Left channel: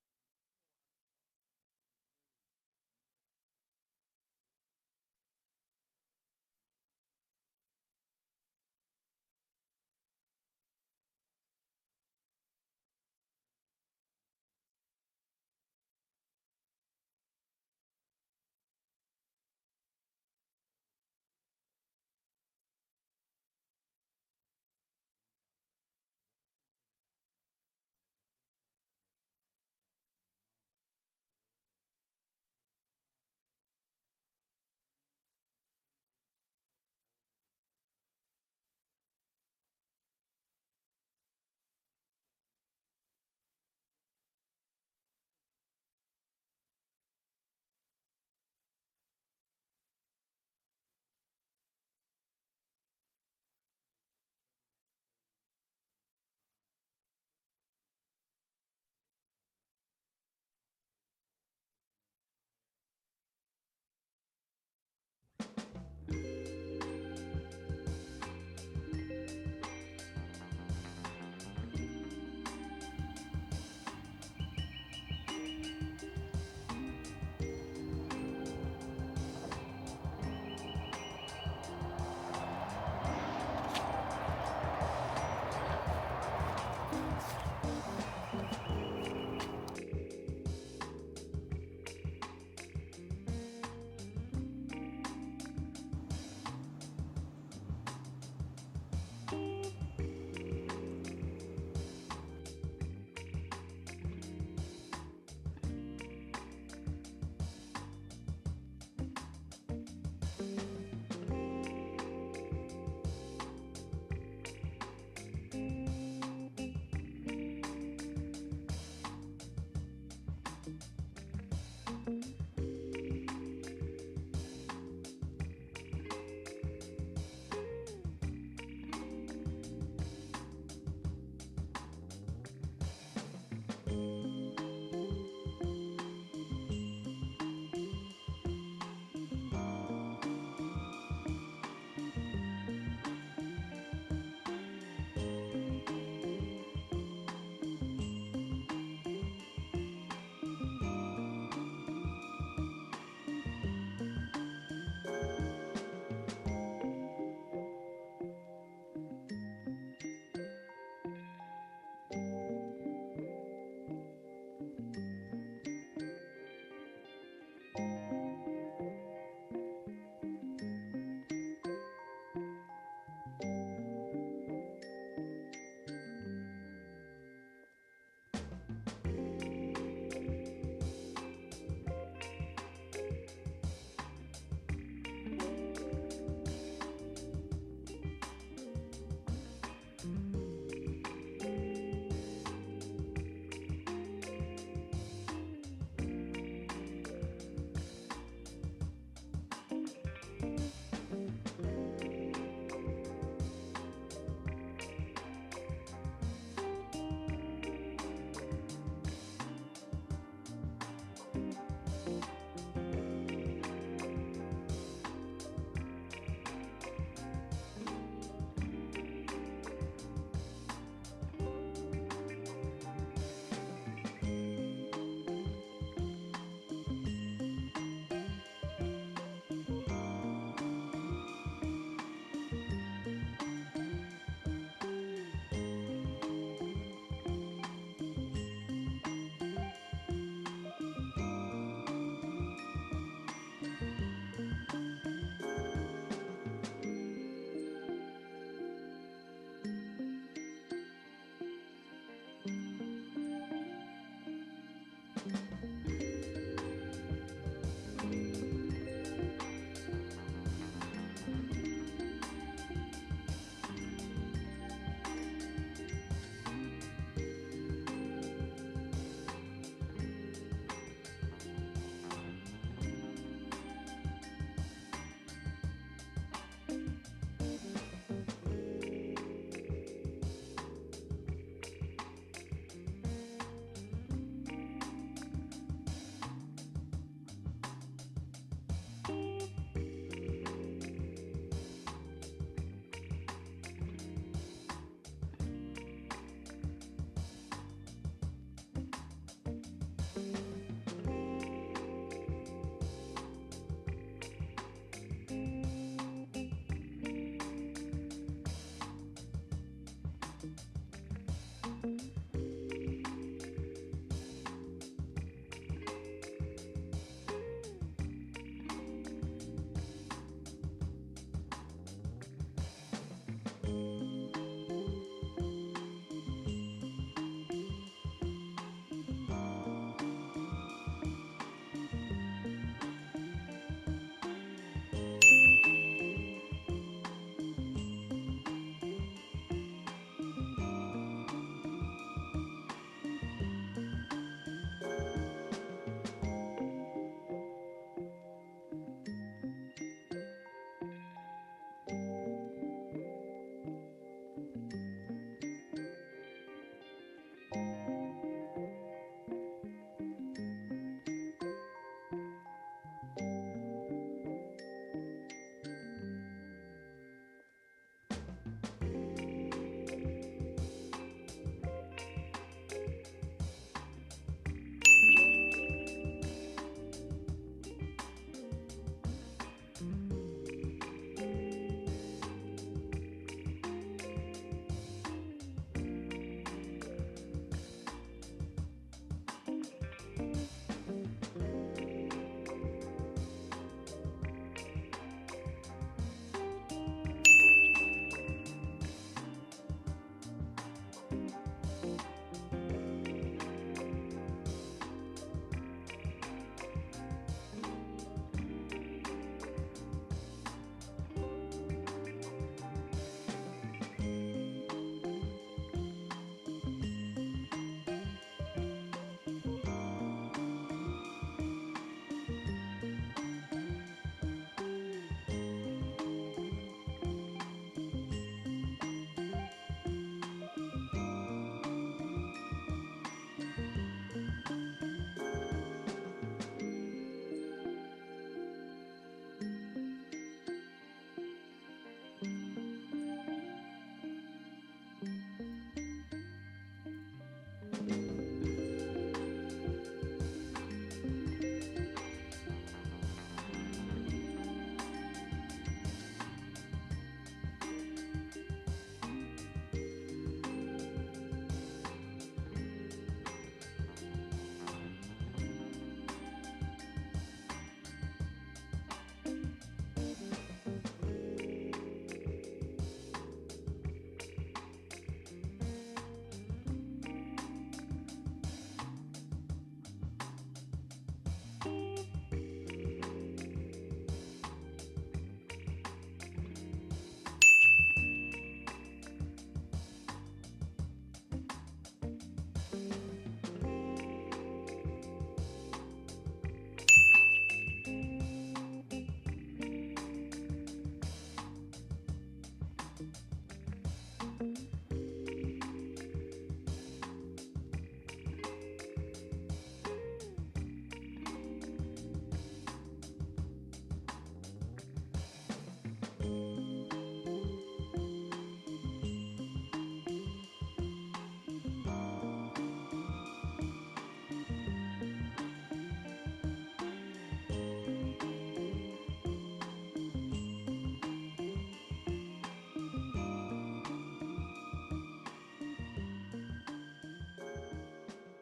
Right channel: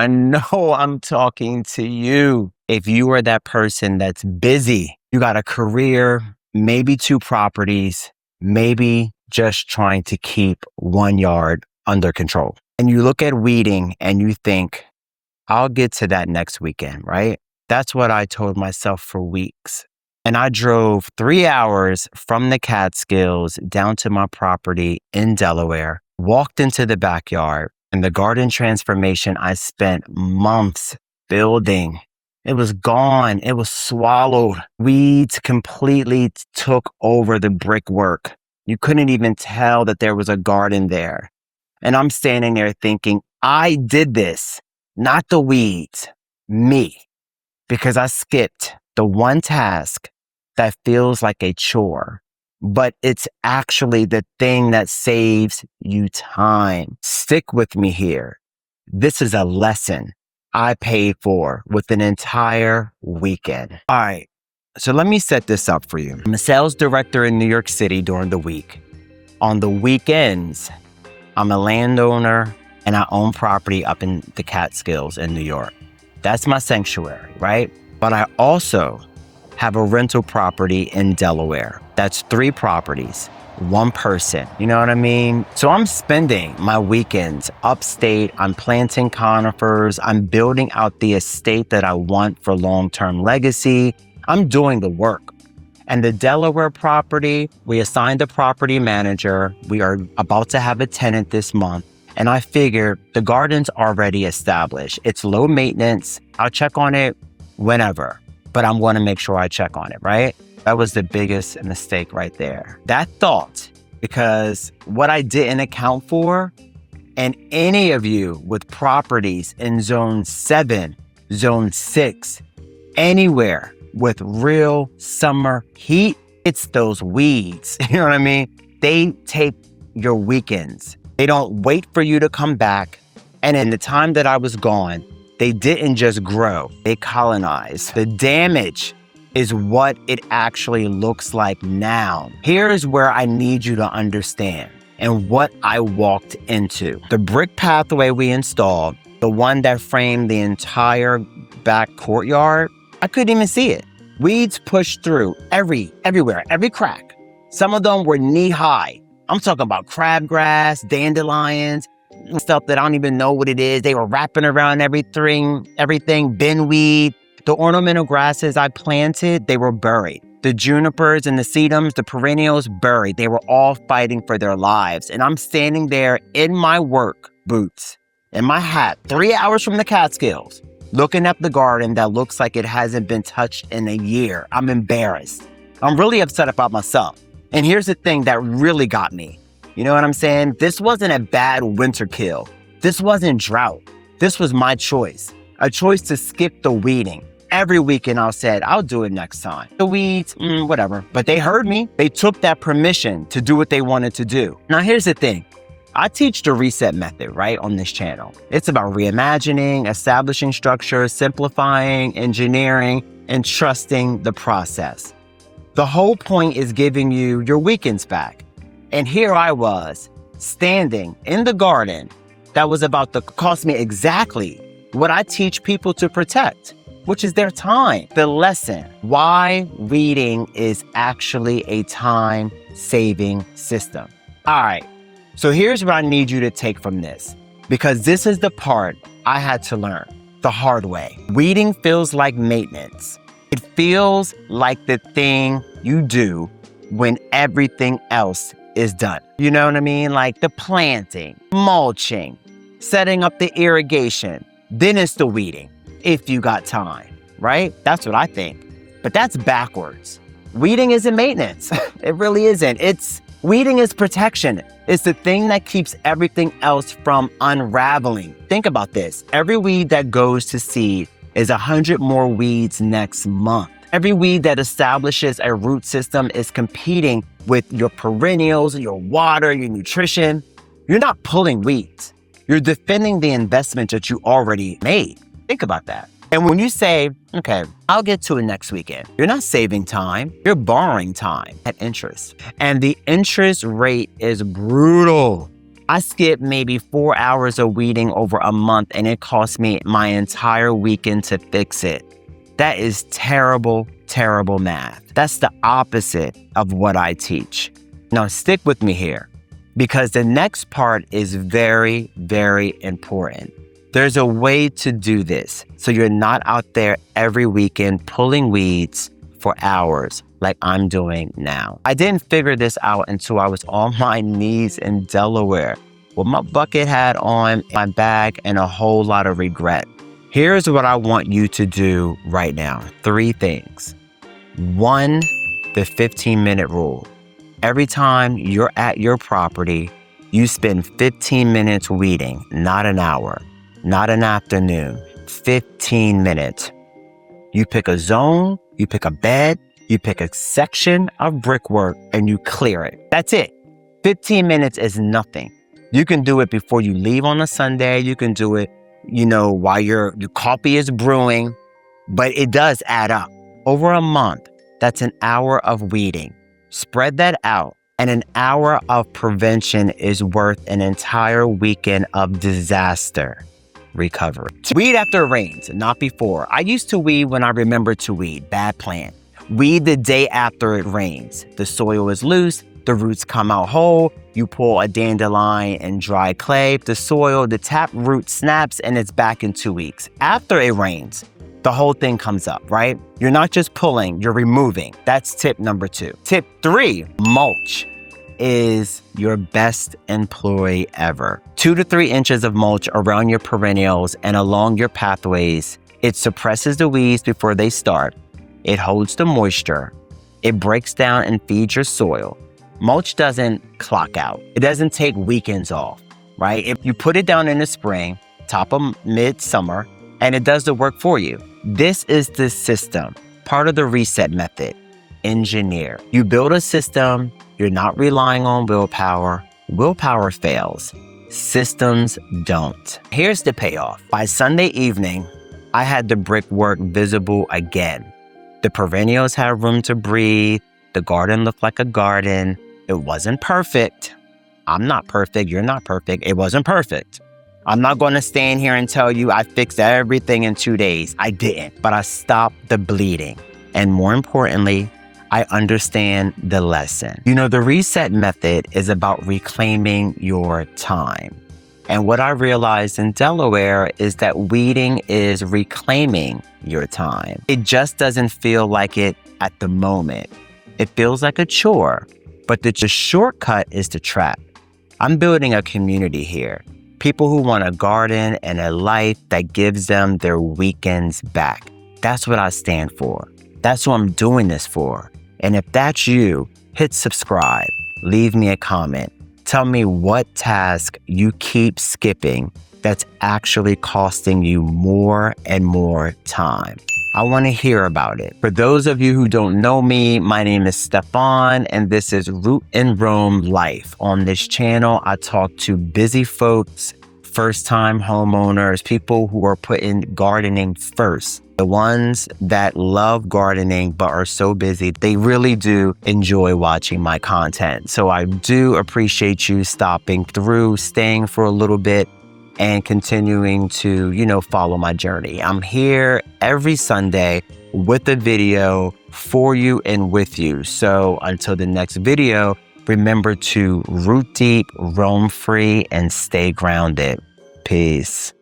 I know I'm talking to you. If you are that person that's busy, you got a career, maybe two properties, maybe just trying to keep 1 yard under control. And you look at weeding and you think, I'll get to that next weekend, right? That's what I told myself for weeks. And I drove 3 hours from the Catskills down to my property in Delaware, walked into the backyard, and the garden transformation I spent months building. It was gone. It was swallowed. Weeds completely took over the brickwork. You couldn't even tell that there was a garden there. And I'm standing there thinking, I did this, not the weeds, me, because I skipped the one task that feels like a chore, but it's actually the thing that saves you time. Stick with me here. This is a lesson I paid for with an entire weekend. All right, so let me set this up for you. I'm a sales director in New York City during the week. On the weekends, I'm a landowner and I own property up in the Catskills in New York. That's my sanctuary, right? But I also have a rental property in Delaware. That's 3 properties, 1 person. You know what I mean? So I'm spending my weekends upstate. I'm planting conifers. I'm building out the estate that I want for long-term legacy. I'm doing the work. And the Delaware property, we assigned a property manager. We are about to have a tenant this month. And I figured the garden's already established. It's low maintenance. I'll check on it whenever, but I'm going to make sure I check on it, right? That was the biggest mistake right there. That thought, because what I didn't account for, and any of you with properties in zone 7, zone 6, anywhere with real summer heat, it's those weeds. You know what I mean? They take your weekends. They don't wait for you to come back. And in the time that I was gone, they didn't just grow, they colonized. The damage is what it actually looks like now. Here's where I need you to understand and what I walked into. The brick pathway we installed, the one that framed the entire back courtyard, I couldn't even see it. Weeds pushed through everywhere, every crack. Some of them were knee high. I'm talking about crabgrass, dandelions, stuff that I don't even know what it is. They were wrapping around everything, binweed. The ornamental grasses I planted, they were buried. The junipers and the sedums, the perennials, buried. They were all fighting for their lives. And I'm standing there in my work boots, in my hat, 3 hours from the Catskills, looking at the garden that looks like it hasn't been touched in a year. I'm embarrassed. I'm really upset about myself. And here's the thing that really got me. You know what I'm saying? This wasn't a bad winter kill. This wasn't drought. This was my choice. A choice to skip the weeding. Every weekend I said, I'll do it next time. The weeds, whatever. But they heard me. They took that permission to do what they wanted to do. Now here's the thing. I teach the reset method, right, on this channel. It's about reimagining, establishing structure, simplifying, engineering, and trusting the process. The whole point is giving you your weekends back. And here I was, standing in the garden that was about to cost me exactly what I teach people to protect, which is their time. The lesson, why weeding is actually a time-saving system. All right, so here's what I need you to take from this, because this is the part I had to learn the hard way. Weeding feels like maintenance. It feels like the thing you do when everything else is done. You know what I mean? Like the planting, mulching, setting up the irrigation. Then it's the weeding, if you got time, right? That's what I think. But that's backwards. Weeding isn't maintenance. It really isn't. Weeding is protection. It's the thing that keeps everything else from unraveling. Think about this. Every weed that goes to seed is 100 more weeds next month. Every weed that establishes a root system is competing with your perennials, your water, your nutrition. You're not pulling weeds. You're defending the investment that you already made. Think about that. And when you say, okay, I'll get to it next weekend, you're not saving time, you're borrowing time at interest. And the interest rate is brutal. I skipped maybe 4 hours of weeding over a month, and it cost me my entire weekend to fix it. That is terrible, terrible math. That's the opposite of what I teach. Now, stick with me here, because the next part is very, very important. There's a way to do this so you're not out there every weekend pulling weeds for hours like I'm doing now. I didn't figure this out until I was on my knees in Delaware with my bucket hat on, my bag, and a whole lot of regret. Here's what I want you to do right now. 3 things. 1, the 15-minute rule. Every time you're at your property, you spend 15 minutes weeding, not an hour, not an afternoon, 15 minutes. You pick a zone, you pick a bed, you pick a section of brickwork, and you clear it. That's it. 15 minutes is nothing. You can do it before you leave on a Sunday. You can do it, while your coffee is brewing, but it does add up. Over a month, that's an hour of weeding. Spread that out, and an hour of prevention is worth an entire weekend of disaster recovery. Weed after it rains, not before. I used to weed when I remembered to weed. Bad plan. Weed the day after it rains. The soil is loose, the roots come out whole, you pull a dandelion and dry clay, the soil, the tap root snaps, and it's back in 2 weeks. After it rains, the whole thing comes up, right? You're not just pulling, you're removing. That's tip number 2. Tip 3, mulch is your best employee ever. 2 to 3 inches of mulch around your perennials and along your pathways. It suppresses the weeds before they start. It holds the moisture. It breaks down and feeds your soil. Mulch doesn't clock out. It doesn't take weekends off, right? If you put it down in the spring, top of midsummer, and it does the work for you. This is the system, part of the reset method. Engineer. You build a system, you're not relying on willpower. Willpower fails. Systems don't. Here's the payoff. By Sunday evening, I had the brickwork visible again. The perennials had room to breathe. The garden looked like a garden. It wasn't perfect. I'm not perfect. You're not perfect. It wasn't perfect. I'm not going to stand here and tell you I fixed everything in 2 days. I didn't, but I stopped the bleeding. And more importantly, I understand the lesson. The reset method is about reclaiming your time. And what I realized in Delaware is that weeding is reclaiming your time. It just doesn't feel like it at the moment. It feels like a chore, but the shortcut is the trap. I'm building a community here. People who want a garden and a life that gives them their weekends back. That's what I stand for. That's what I'm doing this for. And if that's you, hit subscribe, leave me a comment. Tell me what task you keep skipping that's actually costing you more and more time. I want to hear about it. For those of you who don't know me, my name is Stephon, and this is Root and Roam Life. On this channel, I talk to busy folks, first-time homeowners, people who are putting gardening first. The ones that love gardening but are so busy, they really do enjoy watching my content. So I do appreciate you stopping through, staying for a little bit, and continuing to, follow my journey. I'm here every Sunday with a video for you and with you. So until the next video, remember to root deep, roam free, and stay grounded. Peace.